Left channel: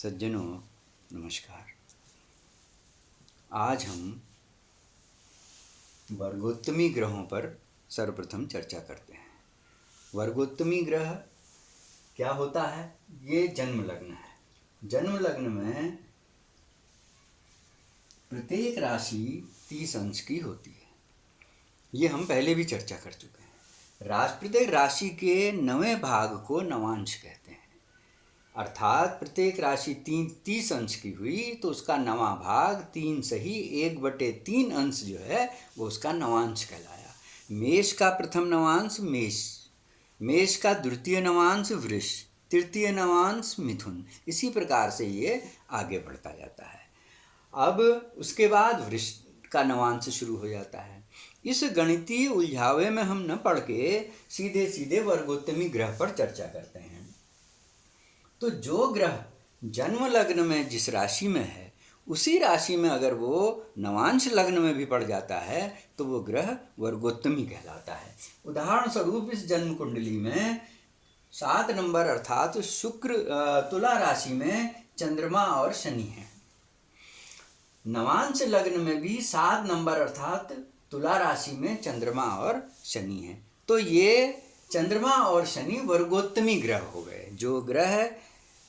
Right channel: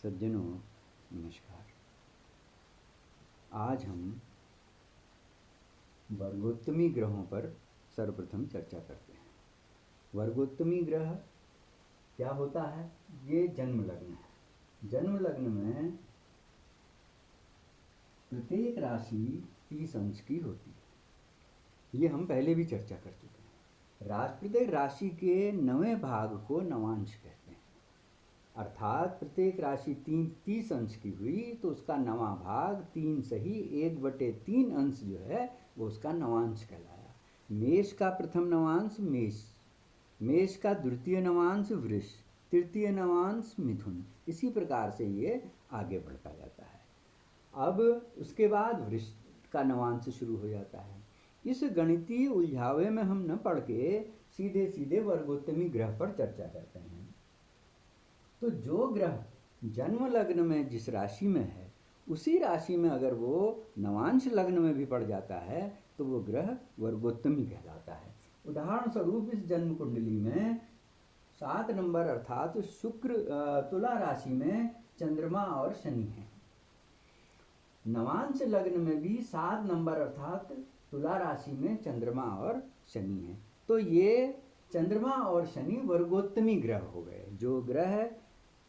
सज्जनों नमस्कार। आज हम वर्गोत्तमी ग्रहों पर सर्वप्रथम चर्चा करते हैं। वर्गोत्तमी ग्रह क्या होता है? ये जन्म लग्न है। जन्म लग्न में प्रत्येक राशि 30 अंश की होती है। ये हम पहले भी चर्चा कर चुके हैं। प्रत्येक राशि के 9वें भाग को नवांश कहते हैं। अर्थात प्रत्येक राशि 30 अंश की हुई तो उसका 9वां भाग 3 सही 1/3 अंश जो है वो उसका नवांश कहलाया। मेष का प्रथम नवांश मेष, मेष का द्वितीय नवांश वृष, तृतीय नवांश मिथुन, इसी प्रकार से ये आगे बढ़ता जाता है। अब उसके बाद वृष का नवांश शुरू हो जाता है। इस गणितीय उलझावे में हम न पढ़ के सीधे सीधे वर्गोत्तमी ग्रह पर चर्चा करते हैं। तो जो ग्रह जन्म लग्न में जिस राशि में है उसी राशि में अगर वो नवांश लग्न में भी पड़ जाता है तो वो ग्रह वर्गोत्तमी कहलाता है। उदाहरण स्वरूप इस जन्म कुंडली में 7 नंबर अर्थात शुक्र तुला राशि में चंद्रमा और शनि है। नवांश लग्न में भी 7 नंबर अर्थात तुला राशि में चंद्रमा और शनि है। तो ये चंद्रमा और शनि वर्गोत्तमी ग्रह हो गए। जो ग्रह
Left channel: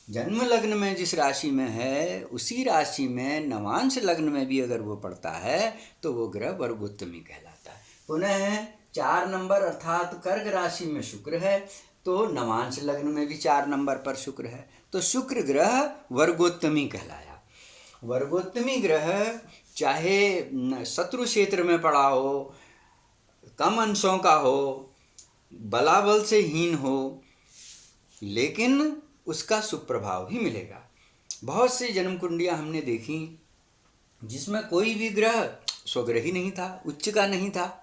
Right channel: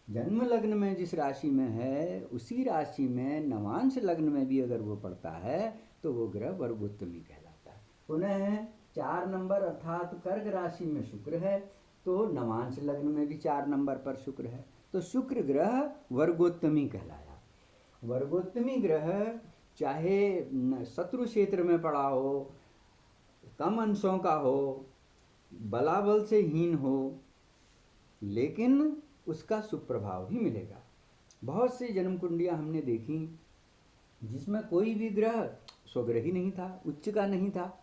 जन्म लग्न में जिस राशि में है उसी राशि में नवांश लग्न में भी अगर वो पड़ता है तो वो ग्रह वर्गोत्तमी कहलाता है। पुनः 4 नंबर अर्थात कर्क राशि में शुक्र है तो नवांश लग्न में भी 4 नंबर पर शुक्र है तो शुक्र ग्रह वर्गोत्तमी कहलाया। वर्गोत्तमी ग्रह चाहे शत्रु क्षेत्र में पड़ा हो, कम अंशों का हो, बलाबल से हीन हो, लेकिन उसका सुप्रभाव ही मिलेगा। बहुत सी जन्म कुंडियाँ हमने देखी जिसमें कोई भी ग्रह स्वग्रही नहीं था, उच्च का नहीं था,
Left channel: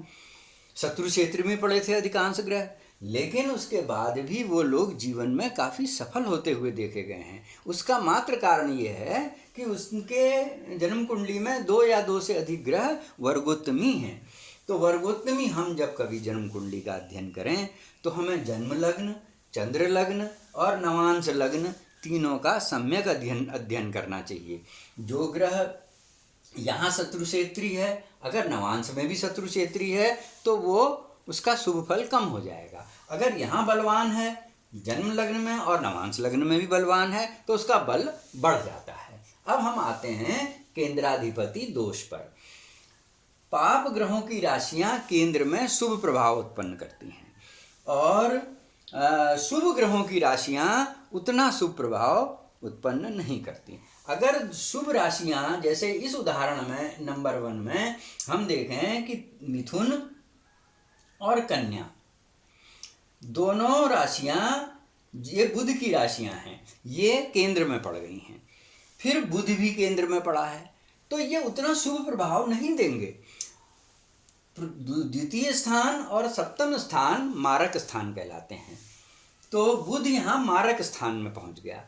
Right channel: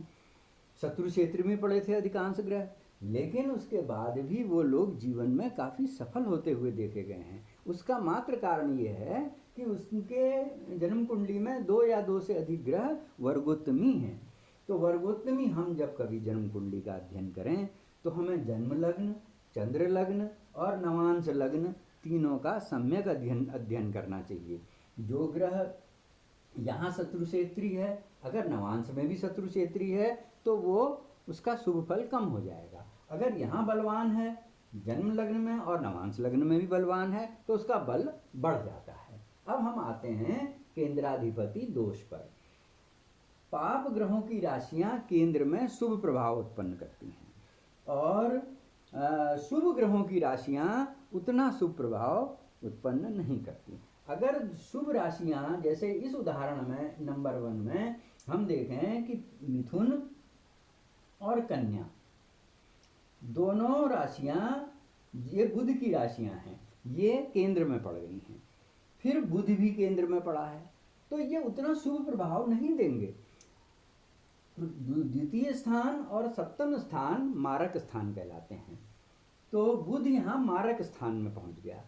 शत्रु क्षेत्र में पड़े थे अधिकांश ग्रह, लेकिन उसके बाद भी वो लोग जीवन में काफ़ी सफल होते हुए देखे गए हैं। उसका मात्र कारण ये है कि उसके जन्म कुंडली में 2 या 2 से अधिक ग्रह वर्गोत्तमी हैं। तो वर्गोत्तमी हम जब कभी जन्म कुंडली का अध्ययन करें तो हमें जन्म लग्न, चंद्र लग्न और नवांश लग्न तीनों का सम्यक अध्ययन करना चाहिए। जो ग्रह यहाँ शत्रु क्षेत्री है, अगर नवांश में भी शत्रु क्षेत्री है तो वो उसका शुभ फल कम हो जाएगा। अगर यहाँ बलवान है जन्म लग्न में और नवांश लग्न में भी बलवान है तो उसका बल बढ़ जाता है। अब हम आते हैं केंद्राधिपति दोष पर। पाप ग्रहों की राशियाँ केंद्र में शुभ प्रभाव उत्पन्न करती हैं और शुभ ग्रहों की राशियाँ उतना शुभ प्रभाव उत्पन्न नहीं करती। अगर शुभ राशियाँ जैसे इस उदाहरण में नंबर 1 में हम देखें कि मिथुन और कन्या दोनों राशियाँ ये बुध की राशियाँ हैं, ये केंद्र में पड़ गई हैं। फिर बुध भी केंद्र में पड़ा है तो ये उतना शुभ प्रभाव नहीं देंगे। द्वितीय स्थान और सप्तम स्थान मारक स्थान कहलाते हैं तो बुध यहाँ मारक स्थान में पहुँच गया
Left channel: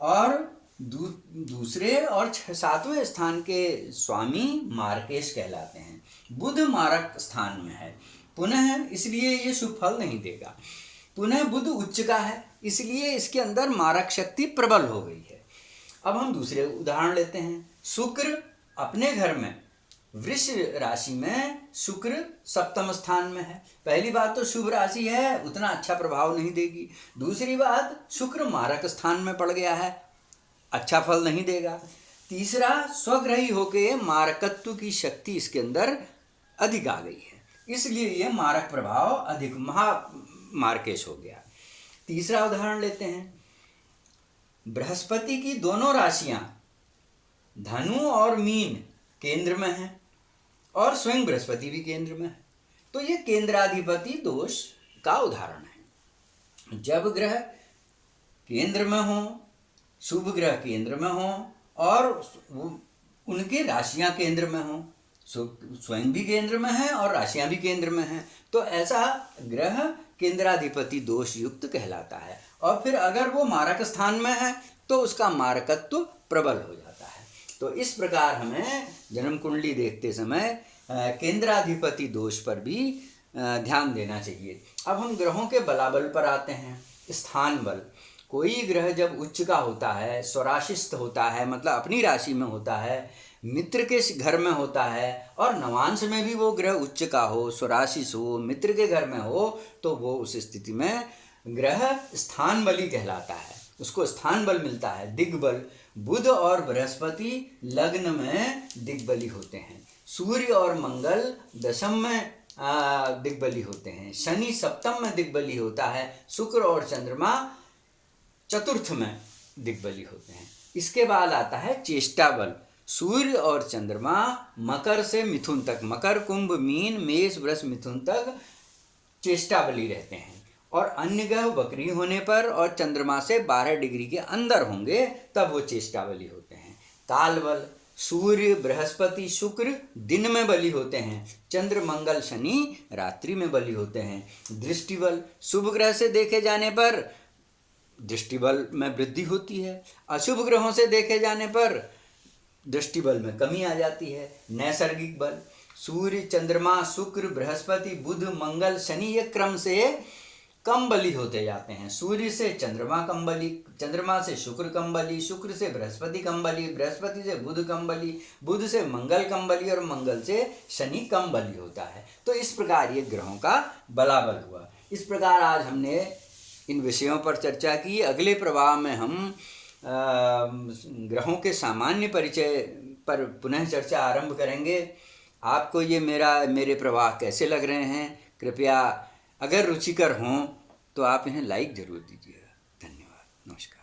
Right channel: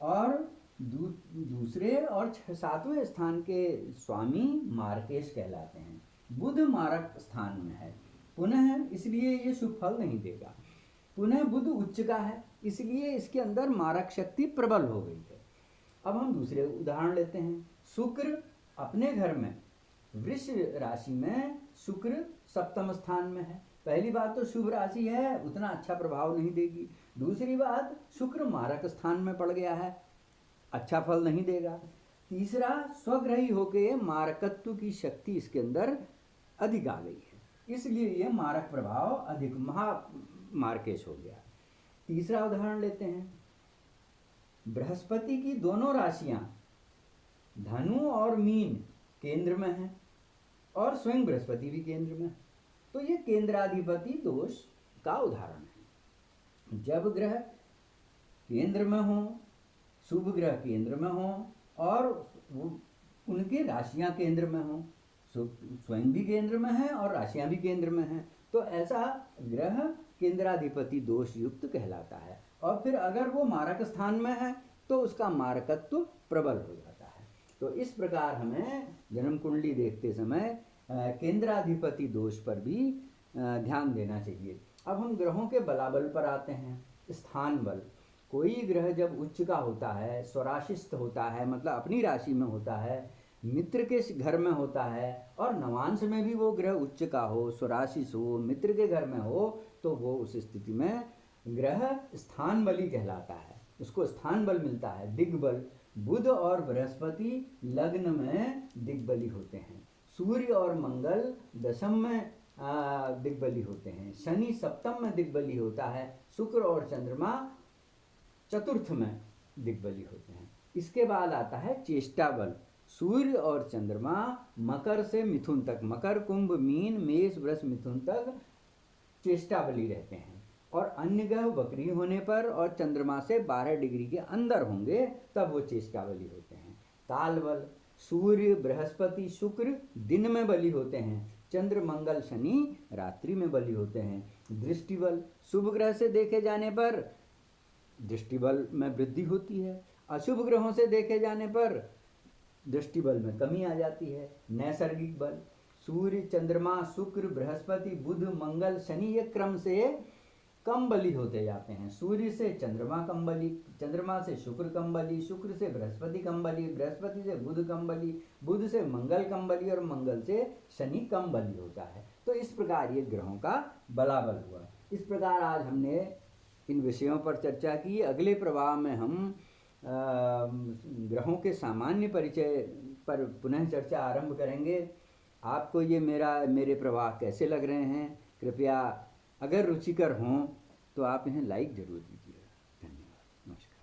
और दूसरे और 7वें स्थान के स्वामी मार्केश कहलाते हैं। बुध मारक स्थान में है, पुनः इसलिए ये शुभ फल नहीं देगा। पुनः बुध उच्च का है इसलिए इसके अंदर मारक शक्ति प्रबल हो गई है। अब हम दूसरे उदाहरण लेते हैं। शुक्र अपने घर में वृष राशि में शुक्र सप्तम स्थान में है। पहली बात तो शुभ राशि है, उतना अच्छा प्रभाव नहीं देगी। दूसरी बात शुक्र मारक स्थान में पड़ गया है, अच्छा फल नहीं देगा। तीसरा स्वग्रही होके मारकत्व की शक्ति इसके अंदर अधिक आ गई है, इसलिए ये मारक प्रभाव अधिक मार्केश हो गया। तीसरा उदाहरण लेते हैं। बृहस्पति की दोनों राशियां धनु और मीन केंद्र में हैं और स्वयं बृहस्पति भी केंद्र में है तो ये केंद्राधिपति दोष का उदाहरण है। जब ग्रह केंद्र में हो, शुभ ग्रह केंद्र में हो और उनकी राशियां केंद्र में हो, स्वयं भी केंद्र में है और राशियां भी केंद्र में हैं, तो ऐसा ग्रह केंद्राधिपति दोष युक्त कहलाता है। और फिर अगर वो मारक स्थान में है तो उसका मारकत्व प्रबल हो जाता है। तो इस प्रकार हमें जन्म कुंडली देखते समय केंद्राधिपति दोष पर भी ध्यान देना चाहिए। अब हम ग्रहों के बलाबल पर आते हैं। स्थान बल, कोई ग्रह जब उच्च का होता है, स्वराशिस्थ होता है, मतलब अपनी राशि में होता है, मित्र के घर में होता है, और नवांश में भी वो ग्रह उच्च का हो, स्वराशिष हो, मित्र के घर में हो, तो वो उस स्थिति में ग्रह स्थान बली कहलाता है, उसको स्थान बल मिलता है, दिग्बल। बुध और बृहस्पति लग्न में दिग्बली होते हैं, सूर्य और मंगल दशम में दिग्बली होते हैं, शनि सप्तम में दिग्बली होता है, शुक्र और चंद्रमा चतुर्थ में दिग्बली होते हैं। इसके बाद आता है चेष्टा बल। सूर्य और चंद्रमा मकर से मिथुन तक, मकर कुंभ मीन मेष वृष मिथुन तक चेष्टा बली रहते हैं, और अन्य ग्रह वक्री होने पर और चंद्रमा से 12 डिग्री के अंदर होंगे तब वो चेष्टा बली होते हैं। काल बल, सूर्य बृहस्पति शुक्र दिन में बली होते हैं, चंद्र मंगल शनि रात्रि में बली होते हैं। दृष्टि बल, शुभ ग्रह से देखे जाने पर दृष्टि बल में वृद्धि होती है, अशुभ ग्रहों से देखे जाने पर दृष्टि बल में कमी आ जाती है। नैसर्गिक बल, सूर्य चंद्रमा शुक्र बृहस्पति बुध मंगल शनि ये क्रम से कम बली होते जाते हैं। सूर्य से चंद्रमा कम बली, चंद्रमा से शुक्र कम बली, शुक्र से बृहस्पति कम बली, बृहस्पति से बुध कम बली, बुध से मंगल कम बली, और मंगल से शनि कम बली होता है। तो इस प्रकार ये ग्रहों का बलाबल हुआ। इस प्रकार आज हमने इन विषयों पर चर्चा की। अगले प्रवाह में हम ग्रहों के सामान्य परिचय पर पुनः चर्चा आरंभ करेंगे। आपको ये मेरे प्रवाह कैसे लग रहे हैं? कृपया अगर रुचिकर हों तो आप इन्हें लाइक ज़रूर दीजिएगा। धन्यवाद, नमस्कार।